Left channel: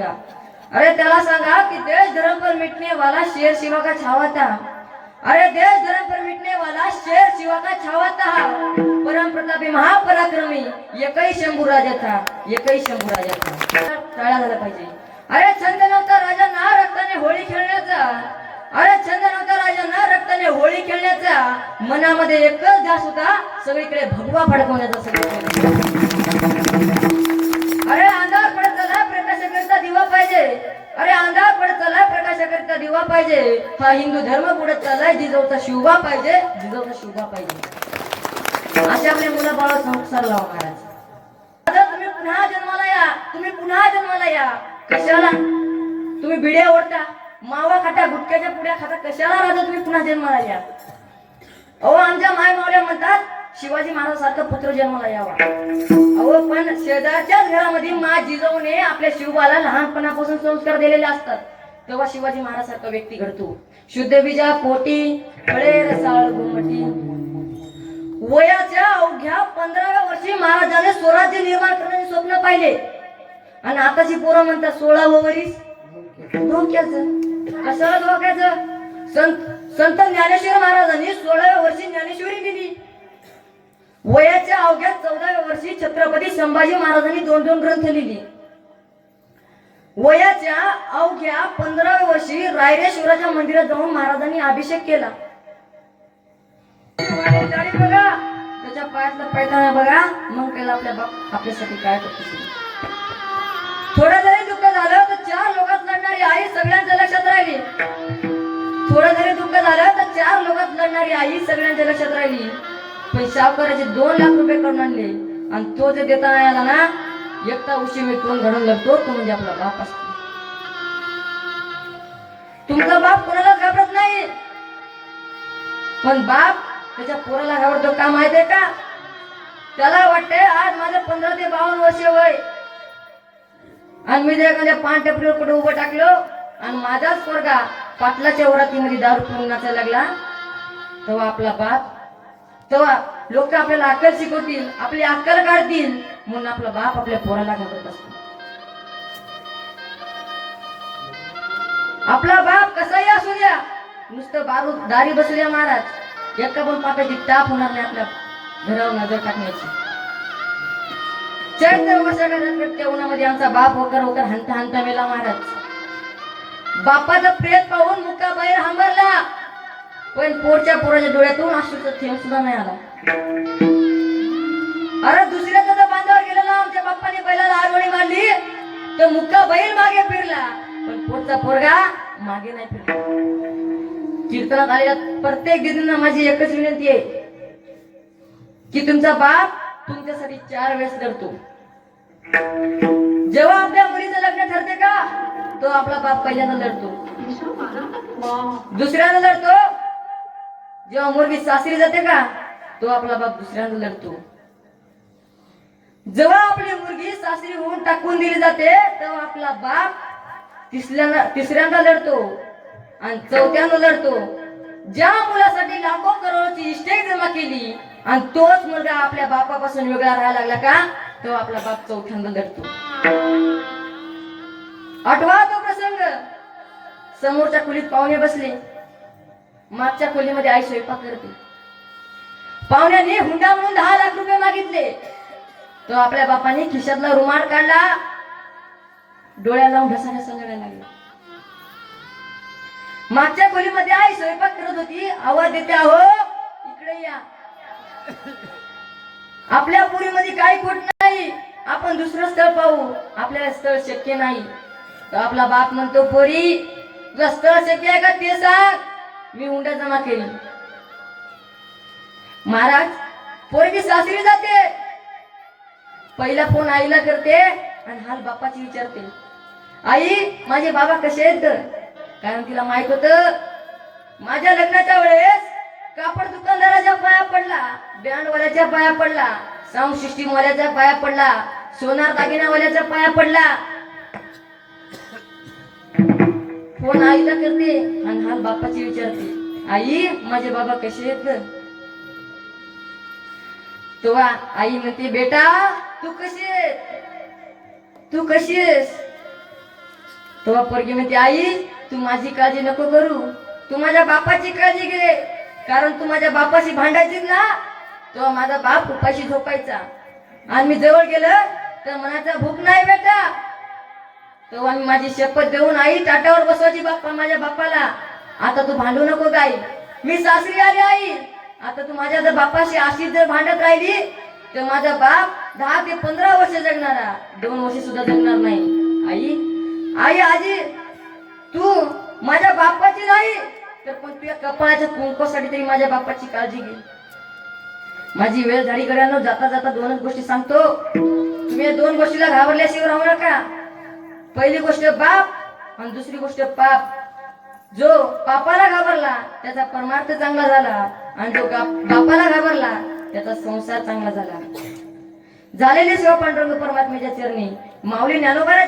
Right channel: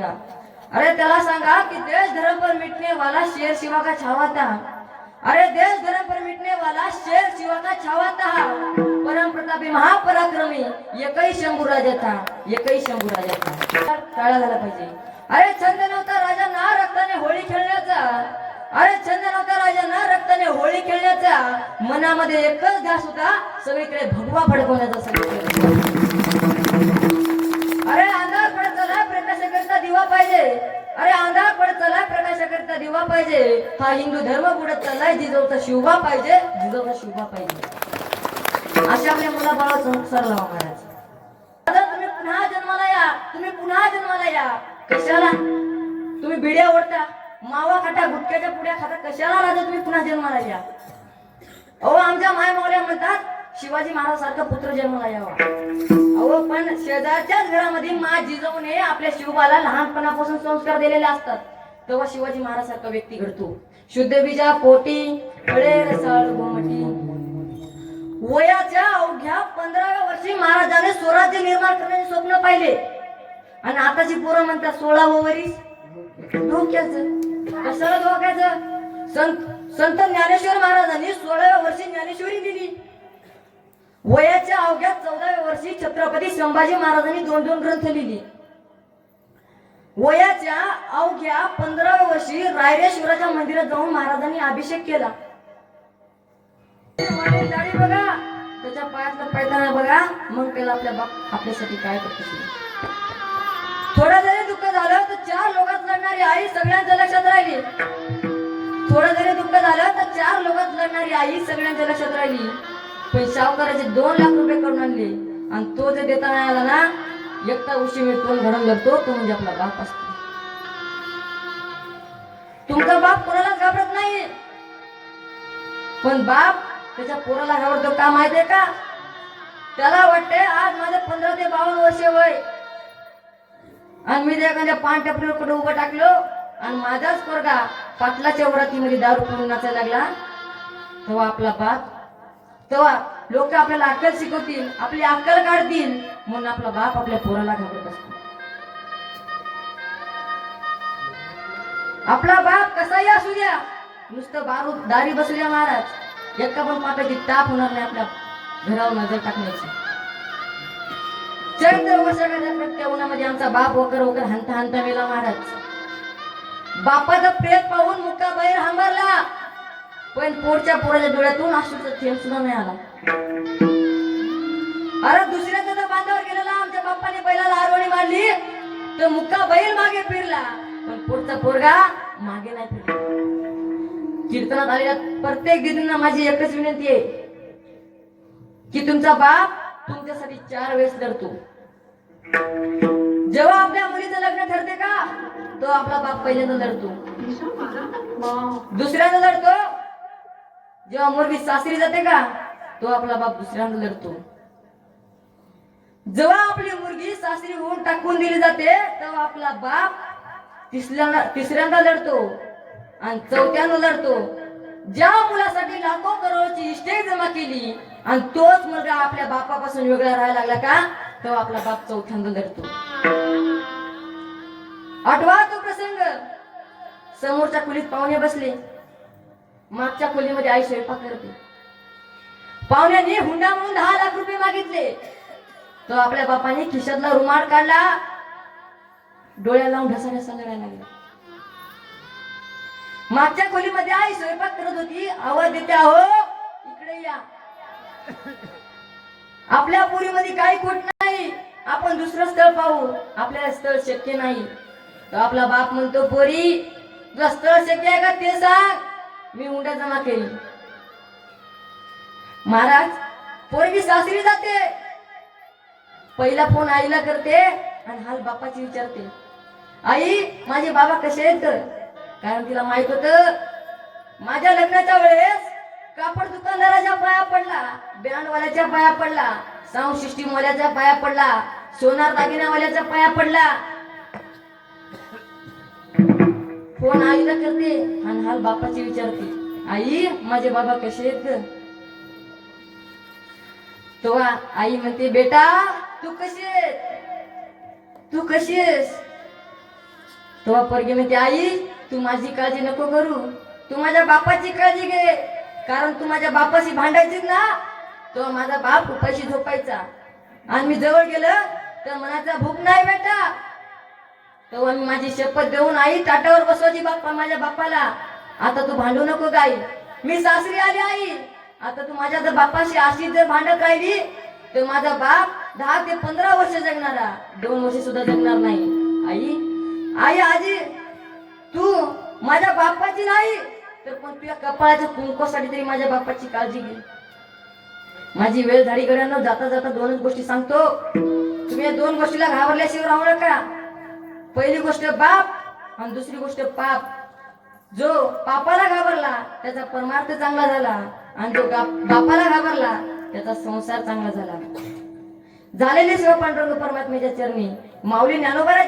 अरे त्याला सांगा कि देश धर्म पर मिटने वाला शेर शिवा का छावा था। अरे देश धर्म पर मिटने वाला शेर शिवा का छावा था। परम प्रतापी महापराक्रमी एकही शंभू राजा था, एकही शंभू राजा था। टाळा झाला पाहिजे। अरे छंद नव्हता राजांना रक्ताने होळी खेळण्याचा, अरे छंद नव्हता राजांना रक्ताने होळी खेळण्याचा, मनामध्ये एकच ध्यास होता सगळीकडे भगवा फडकवण्याचा सगळीकडे। अरे अंधार पडत चला प्रकाशाकरता दिवा पाहिजे, अरे अंधार पडत चला प्रकाशाकरता दिवा पाहिजे। हा हिंदू धर्म बुडत चाललाय, जिजाऊचा शिवबा पाहिजे, जिजाऊचा शिवबा पाहिजे। अशा आपल्या मुलाबाळावर संस्कार लावा महाराज। आता तुम्ही पुन्हा जन्माला या, तुम्ही पुन्हा जन्माला या। कशाला तुम्ही बिड्या ओढता, मावा खाता, गुटख्याच्या पुड्या खाता, कशाला राजा तुम्ही पुन्हा जन्माला या। अहो आमच्या माय मावल्या म्हणतात शिवाजी महाराज सारखा पुत्र जन्माला यावा। अहो पण शेजारच्याच घरामध्ये मा जिजाऊने आपल्या शिवबाला लहानपणापासून संस्कार दिलेले असतात, तेव्हा शिवाजी महाराज सारखा व्यक्ती घडतो। शुद्ध बीजा पोटी फळे रसाळ गोमटी। वयाच्या अवघ्या 15व्या वर्षी महाराजांनी स्वराज्य निर्माण करण्याचे स्वप्न पाहिले, आणि आताची पोरं म्हणतात 16वं वर्ष धोक्याचं। कशाला धोक्याचं? संत ज्ञानेश्वर महाराजांनी 16व्या वर्षी ज्ञानेश्वरी दिली। वयाच्या अवघ्या 14व्या वर्षी छत्रपती संभाजी महाराजांनी 2 ग्रंथ लिहिली। वयाच्या अवघ्या 15व्या वर्षी रायरेश्वराच्या मंदिरात जाऊन महाराजांनी अभिषेक केला। बघा त्याच्या पायातला पैताना बघा, मग केला आपल्या बाप आपल्यासाठी काय करतो। थोडं जरी दुःख झालं तर 4 लोकात लढणारी आई सगळ्यांच्या लक्षात राहिली। थोडं जरी दुःख झालं तर 4 लोकात लढणारी आई सगळ्यांच्या लक्षात राहिली। पण सावकाराचे 2 लाख रुपये करून आणले, आणि तो जे देता नाही आला ना, एकटा उशी मी तोंड घडून लागतो, तो म्हणजे आपला बाप असतो। तुमचा बाप कोणाला घाबरत नाही, पण बाप त्याच्या पोराला घाबरतो का माहितीये का? त्याला वाटते आज माझं 15 ते 52 वर्ष वय, आणि मी जर एखाद्या पान टपरीवर कुठे उभं टाकलो आणि माझाच पोरगा पाटलाच्या वरातीमध्ये दारू पिऊन नाचायला लागला, तेव्हा आपला बाप, तेव्हा लोक आपल्याला अक्कल शिकवतील, आपली अक्कल काढतील, म्हणून आपला बाप आपल्या पोराला घाबरत असतो। आपला बाप कसाही असू द्या, नुसतं दारी बसल्या महाराज, एका पण पाप्याची टाप होणार नाही आपल्या घरावर नजर टाकण्याची। चैत्र वर्षाच्या उन्हामध्ये आमचा बाप वकर वकर हंता हंता मेला महाराज। बापाचं प्रेत पाहून मुक्का बाहेर हंबरला, पण पोरच्या पोराच्या डोळ्यातून अश्रूचा थेंब सुद्धा नाही आला। अरे दुसऱ्याचा जर बांधावर गेलेला आमच्या बाप्पाने बैलाला आरवणी मारली तर मुक्का बैल मागे फिरला, पण पोरचा पोरगा मागे नाही फिरला। कीर्तनात आलेल्या प्रत्येक दिदींना माझी एकच विनंती आहे की तुमचा बाप तुमच्यासाठी 4 वेळेस लढतो। जेव्हा आपल्या मुलीचं लग्न ठरते का, तो आपला बाप पहिल्यांदा लढतो, दुसऱ्यांदा लढतो। जेव्हा मुलगी सासरी जाते का, तो आपला बाप दुसऱ्यांदा लढतो। जेव्हा आपली मुलगी सासरी होऊन टाकून दिली जाते, तेव्हा आपला बाप तिसऱ्यांदा लढतो, आणि 4थ्यांदा लढतो। ज्या मुलासाठी लाखो करोडची इस्टेट जमा केली आणि तोच मुलगा आपल्या बापापासून वेगळा राहायला लागला का, तेव्हा आपला बाप 4थ्यांदा लढतो। आठवा तो प्रसंग, समोरच्या खोलीत पाहुणे बसले, मागच्या खोलीमध्ये आई स्वयंपाक करते। पाहुण्याने हुंडा म्हणून 10 लाख रुपये मागितले, तो आपल्या बापाने खिशातला रुमाल काढला, डोळ्याला लावून ढसाढसा रडायला लागला। मागच्या खोलीमध्ये आई स्वयंपाक करत होती, आवाज देते अहो इकडे या, आपल्या पुरीमध्ये काही खोट नाही, आपण दुसरं स्थळ पाहू, आपल्याला स्थळ शक्य नाही। तो आपला बाप म्हणतो पोरी तुला स्थळ शक्य आहे का ते सांग, मी हुंडा जमा केली। महाराज पोरगी सासरी जाते, पहिला फोन आईला करते आणि हाल बापाची विचारते, आई माझे बाबा कसे आहेत? कारण तिला माहित होतं माझ्या लग्नाच्या वेळेस कापड दुकानदाराच्या पाया पडला, बँडवाल्याच्या पाया पडला, साऊंड सिस्टीम वाल्याच्या पाया पडला, सोनार दागिनावाल्याच्या पाया पडला। फोन आईला करते आणि हाल बापाची विचारते, आई माझे बाबा कसे आहेत? तेव्हा आई म्हणते बेटा तू कशी आहेस, तू कशी आहेस? तेव्हा पोरगी म्हणते, आई तू माझी काळजी नको करू, तू माझ्या बापाची काळजी घे, कारण तू माझ्या बापाशी भांडायचीच ना. तेव्हा माझा बाप उपाशी झोपायचा आणि मी जवळ गेलं तर मनाचा भूक नाही बेटा. तेव्हा मी माझी शपथ देऊन आई ताटावर बसवायची बाप्पा माझ्या बापाला, आता तू भांडू नको गाई, मी सासरी आली आई, आता तू माझ्या जर बापाशी अशीच जर भांडत राहिली तर माझा बाप 10 ते 15 वर्ष जगणारा, 2 वर्ष सुद्धा जगणार नाही. आई आजी तू माझ्या बापाची नाही तर पण तुझ्या कपाळाच्या कुंकवासाठी तरी माझ्या बापाची काळजी घे. माझी वेळ झाली गड्यानं, जाता जाता 2च गोष्टी सांगतो. तुम्ही या 2 गोष्टीला घाबरल्याशिवाय राहू नका. पहिली गोष्ट बाप आणि दुसरी गोष्ट पाप. जो पापाला घाबरला त्याचा परमार्थ चांगला झाला आणि जो बापाला घाबरला त्याचा संसार चांगला झाला. झालेली सेवा पांडुरंग परमात्म्याच्या चरणी माऊली ज्ञानोबाच्या